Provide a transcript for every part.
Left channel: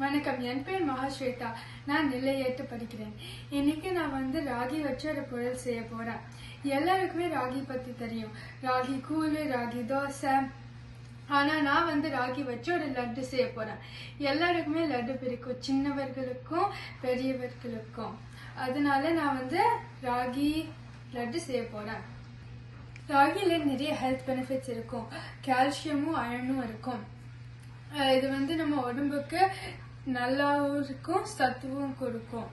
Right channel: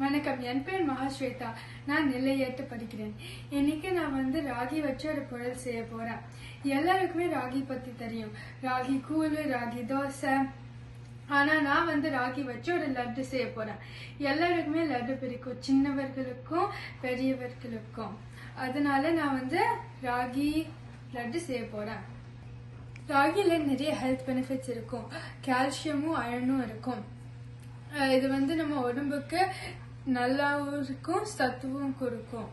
வணக்கம், என் பேர் மகாஸ்வேதா. நான் நிலையேற்று படிக்கிறேன். இன்னைக்கு நான் ராகி வச்சு ஒரு பொருள் செய்ய போறேன். எல்லாருக்குமே ராகி பத்தி தெரியும். ராகி கூழு, ராகி தோசை. ஆனா நான் ராகி வச்சு ஒரு லட்டு செய்ய போறேன். எல்லாருக்குமே லட்டு பிடிக்கும், சின்னவர்களுக்கும் பெரியவர்களுக்கும். அதனால நான் ராகி லட்டு செய்ய போறேன். ராகில நிறைய ஹெல்த் பெனிஃபிட்ஸ் இருக்கும். கால்சியமும் அயனும் இருக்கும். இது நம்ம உடம்புக்கு நல்லாவும் இருக்கும், சத்துவும் கொடுக்கும்.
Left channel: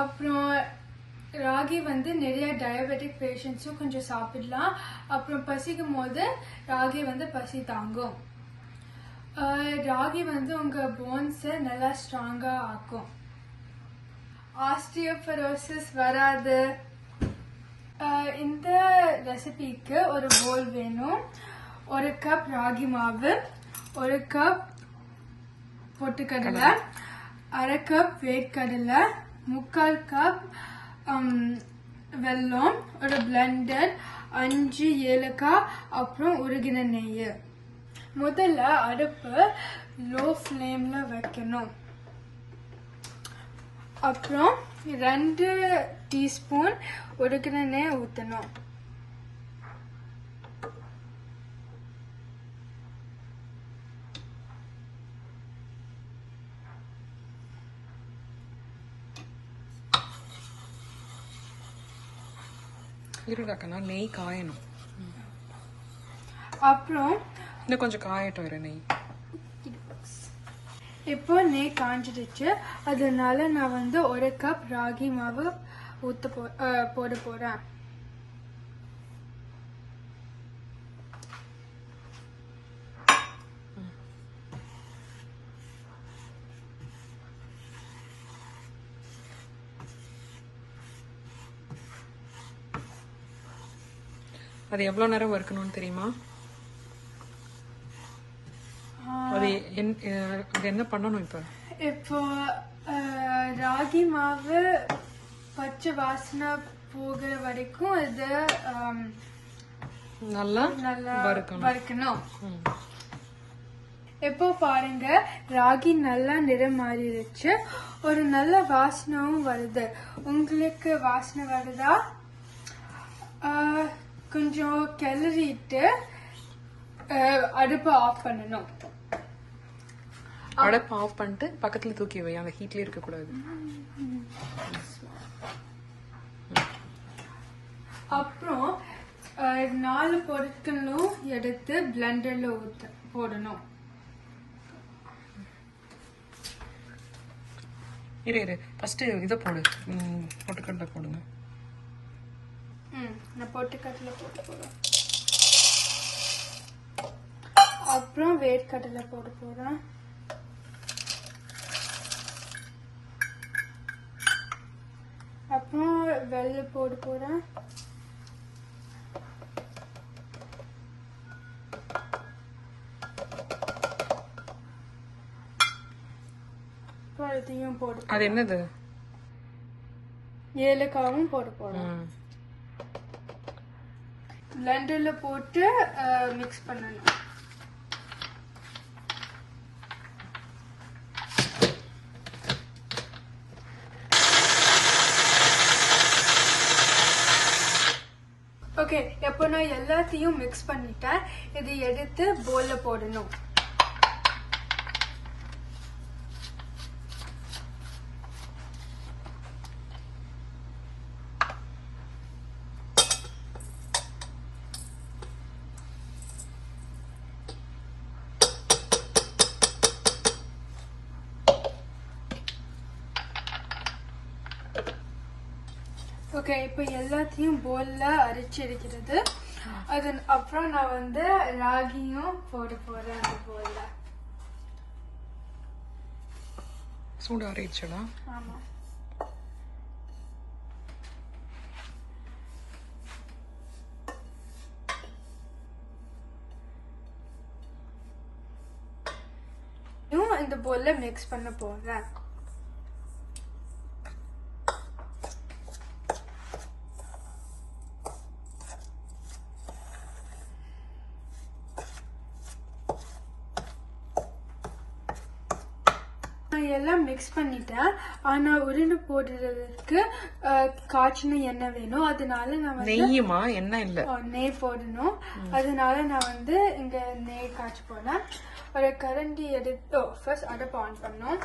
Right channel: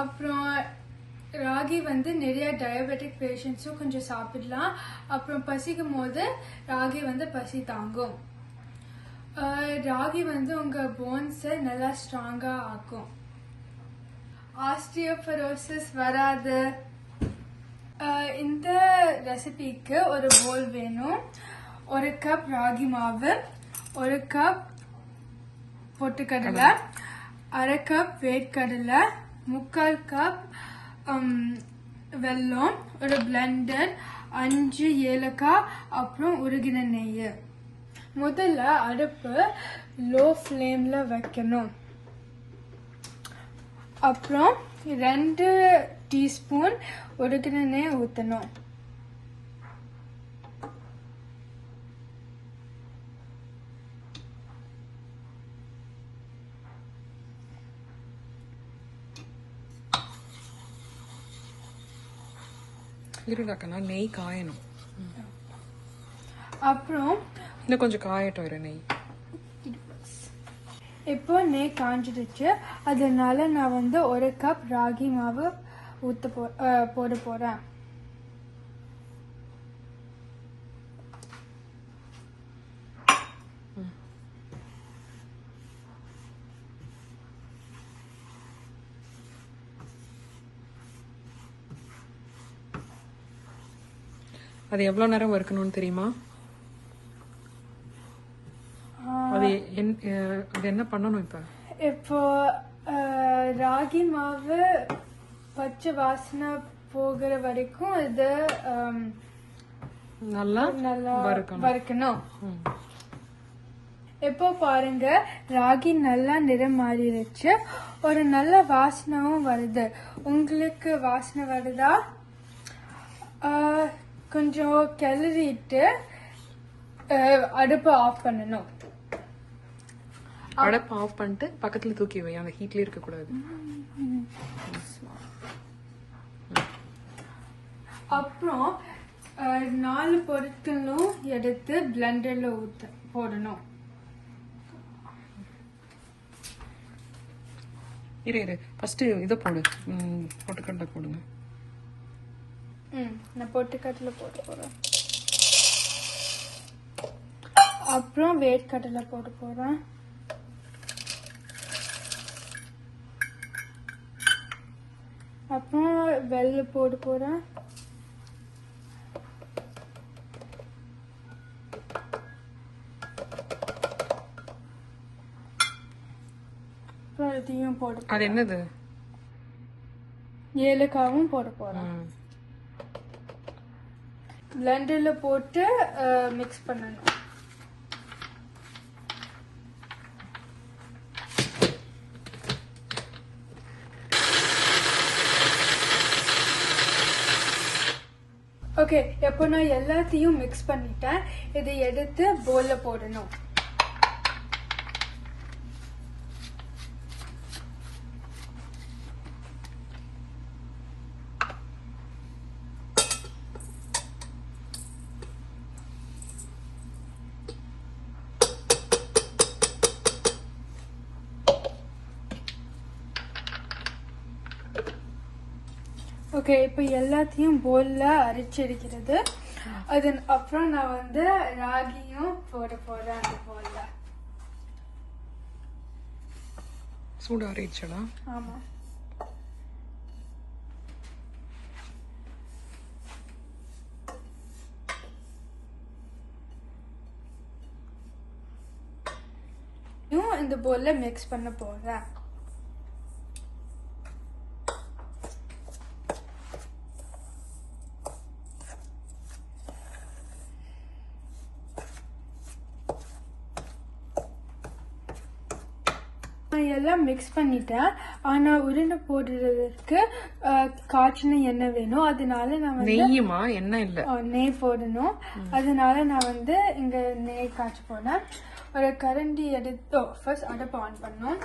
அப்புறம் ராகி நிறைய டயபெட்டிக் பேஷண்ட்ஸும் கொஞ்சம் சாப்பிடலாம். அப்புறம் பசிக்கும் போது ராகி பசி தாங்கும். ராகி உங்க போன்ஸை நல்லா ஸ்ட்ராங்கா ஆக்கும். ஆஸ்டியோபரோசிஸ் வராது. இந்த ரெசிபிக்கு ஒரு போல் வேணும். ஒரு கப் ராகி மாவு, ஒரு கப் பொட்டுக்கடலை, அரை கப் வேர்க்கடலை, 3/4 கப் வெல்லம், ஒரு பிளெண்டர், 5 ஏலக்காய், அப்புறம் உருகின நெய். முதல்ல அடுப்பு லோ ஃப்ளேம்ல வைக்கணும். அப்புறம் 2 டீஸ்பூன் உருகின நெய் ஊற்றணும். இருடாக்கண்ணா, நெய் காயணும். அப்புறம் இன்னும் கொஞ்சம் காயட்டும் நெய். இப்போ நெய் காஞ்சிடுச்சு. அதனால நான் ஒரு கப் ராகி மாவு போட போறேன். அது எவ்வளவு நேரம் வறுக்கணும்னு தெரியுமா? அது என்ன பண்ணணும்? இப்போ ராகி மாவு பச்சை வாசனை போகிற வரைக்கும் இது நல்லா வறுக்கணும். இப்போ பாருங்க, ராகி நல்லா நிறம் மாறிடுச்சு. ஒரு நல்ல வாசனாவும் வருது. உங்களுக்கு வாசனை வருதா? கொஞ்சம் கிளறிட்டு அடுப்பை ஆஃப் பண்ணணும். அடுப்பு ஆஃப் பண்ணிட்டு பக்கத்துல தூக்கி வை, அந்த ஹீட்ல இருக்க கூடாது. அப்புறம் 4 பொருட்களும் எடுத்து பிளெண்டர்ல போடணும். இரு ஃபர்ஸ்ட் இதை போடு, பொட்டுக்கடலை போடுங்க. நான் பொட்டுக்கடலை போட போறேன். அப்புறம் வேர்க்கடலை போட போறேன். அப்புறம் வெல்லம் போட போறேன். இதையும் போட. அது என்னது? ஏலக்காயும் போட போறேன். பிளெண்டர்ல போட்டு மிக்ஸ் பண்ணணும். ஓகே, இப்போ நான் எல்லாத்தையும் மிக்ஸ் பண்ணிட்டேன். இதை எடுத்து போல்ல போடணும். ஓகே, இப்போ எல்லாத்தையும் போல்ல அரைச்சிருக்கிறது. அதன் அப்புறம் நான் ராகியும் போட போறேன். அந்த போல்ல சூடு அரைச்சடா. ஆமா. இந்த போல்ல மிக்ஸ் பண்ண போறேன். நான் எல்லாம் மிக்ஸ் பண்ணிட்டேன். ஆனா உருண்டை போடுறதுக்கு காய்ச்சின எண்ணெய் வேணும். அதனால நான் வந்து நெய்யுமா? எண்ணெய் இல்ல, நெய் போடணும். அதனால நான் வந்து இங்க நெய் காய்ச்சி போனேன். ஒரு கரண்டி எடுத்து ஃபர்ஸ்ட் அடுப்பு ஆன் பண்ணோம்.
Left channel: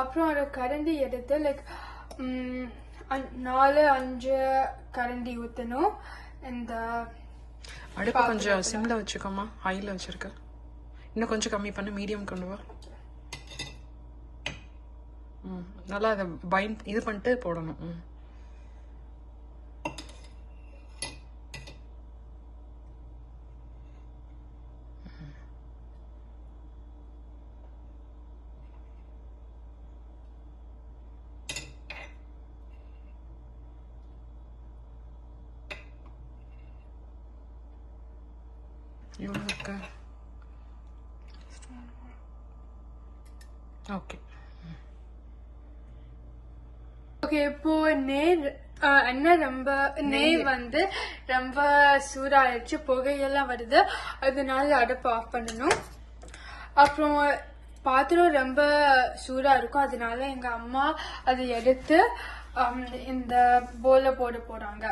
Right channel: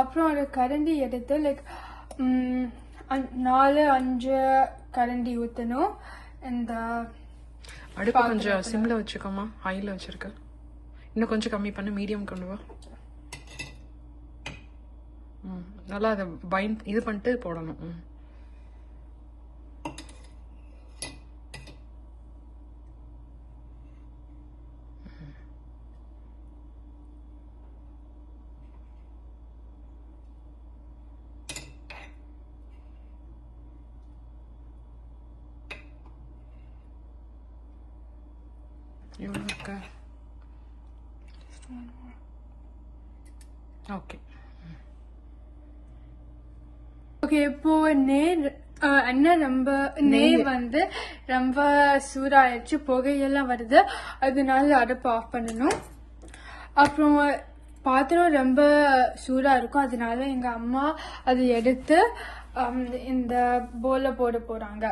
அப்புறம் ஒரு கரண்டி எடுத்து லைக் 4-5 கரண்டி ஊற்றணும். இந்த அடுப்பு கொஞ்சம் சிம்ல வச்சுக்கோமா, ஹைல வச்சிருக்க. இன்னும் கொஞ்சம் கம்மி பண்ணு, மீடியம் கொண்டு வா. நல்லா அதை இது பண்ணிட்டு போடணும். எவ்வளோ இருக்கு? Okay okay. இப்போ எண்ணெய் நெய் வந்து ரொம்ப சூடாயிடுச்சு, புகையெல்லாம் வருது. அதனால அடுப்பு ஆஃப் பண்ணணும். அப்புறம் பாத்திரம் ரொம்ப சூடா இருக்கும். அதனால எங்க அம்மா அதை எடுத்து இந்த போல போட போறாங்க.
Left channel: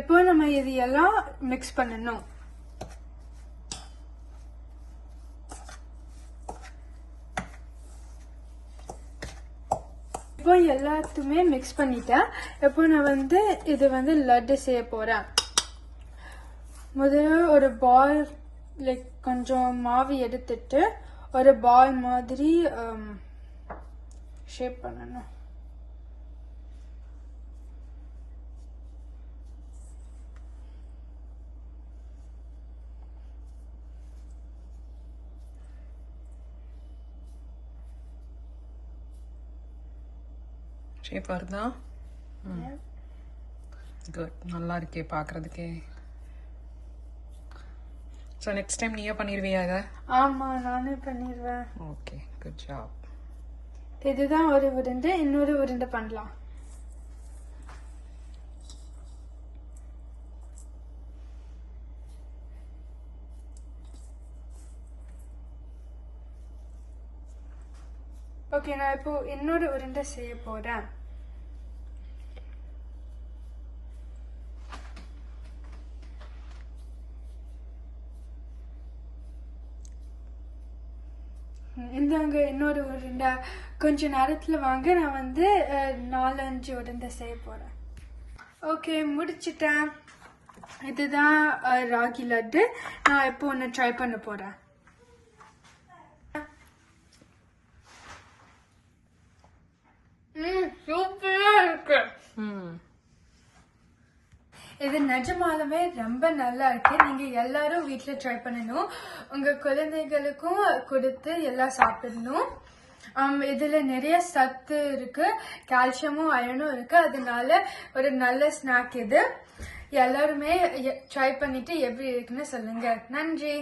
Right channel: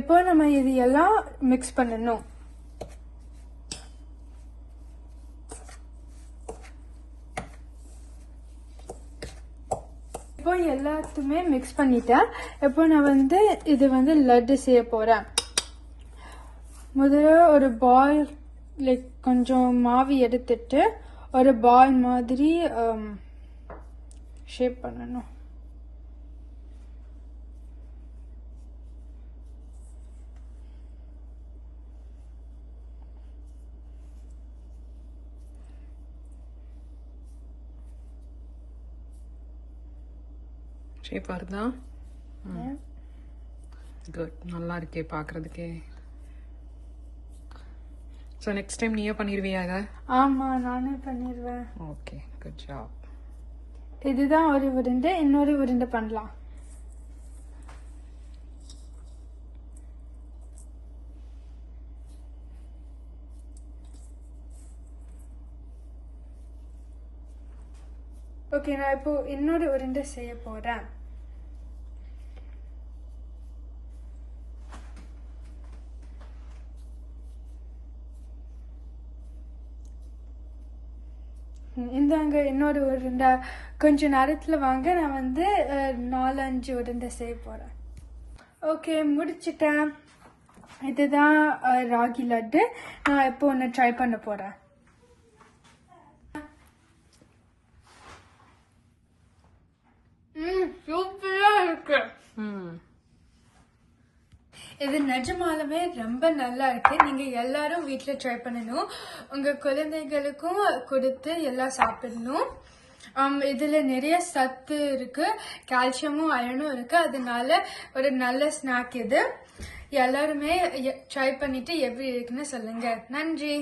இப்போ நம்ம இது எல்லாம் மிக்ஸ் பண்ணணும். இப்போ எல்லாத்துமே மிக்ஸ் பண்ணிட்டேன். இப்போ நான் வந்து இது வந்து லட்டு செய்ய போறேன். முதல்ல ஒரு பால் லைக் கொஞ்சம் மாவு எடுத்துட்டு ஒரு பால் மாதிரி ஷேப் பண்ணணும். ஷேப் வருதா? குட், நல்லா இருக்கே பார்க்கறதுக்கே. ஸோ நெக்ஸ்ட் டைம் நீயே பண்ணிடுவியாக? ஆமா, நானே பண்ணிடுவேன். Okay, good job. இதுதான் ஒரு உருண்டை. இன்னொரு உருண்டை பண்ணலாம். ஓகே, நான் இப்போ இன்னொரு உருண்டை செய்ய போறேன். இந்தாங்க இன்னொரு உருண்டை. கொஞ்ச நேரத்துல வாங்க, நான் வந்து 4-5 உருண்டை செய்ய போறேன். ஓகே, முடிச்சிட்டேன். இதுதான் ராகி லட்டு. நான் இப்போ ஒன்று ட்ரை பண்ண போறேன். சூப்பரா இருக்கு. இது நிஜமாலுமே ரொம்ப நல்லா இருக்கு. நீங்க எல்லாரும் வீட்டுல ட்ரை பண்ணணும். உங்க குழந்தைகளுக்கும் கொடுத்து எல்லாம் சாப்பிடணும். இதுல நிறைய சத்து இருக்கு, கால்சியமும் அயனும் இருக்கு. அதனால ஒரு நல்ல ஸ்நாக் இது. எல்லாருமே ட்ரை பண்ணிட்டு எப்படி இருக்குன்னு சொல்லுங்க. நன்றி.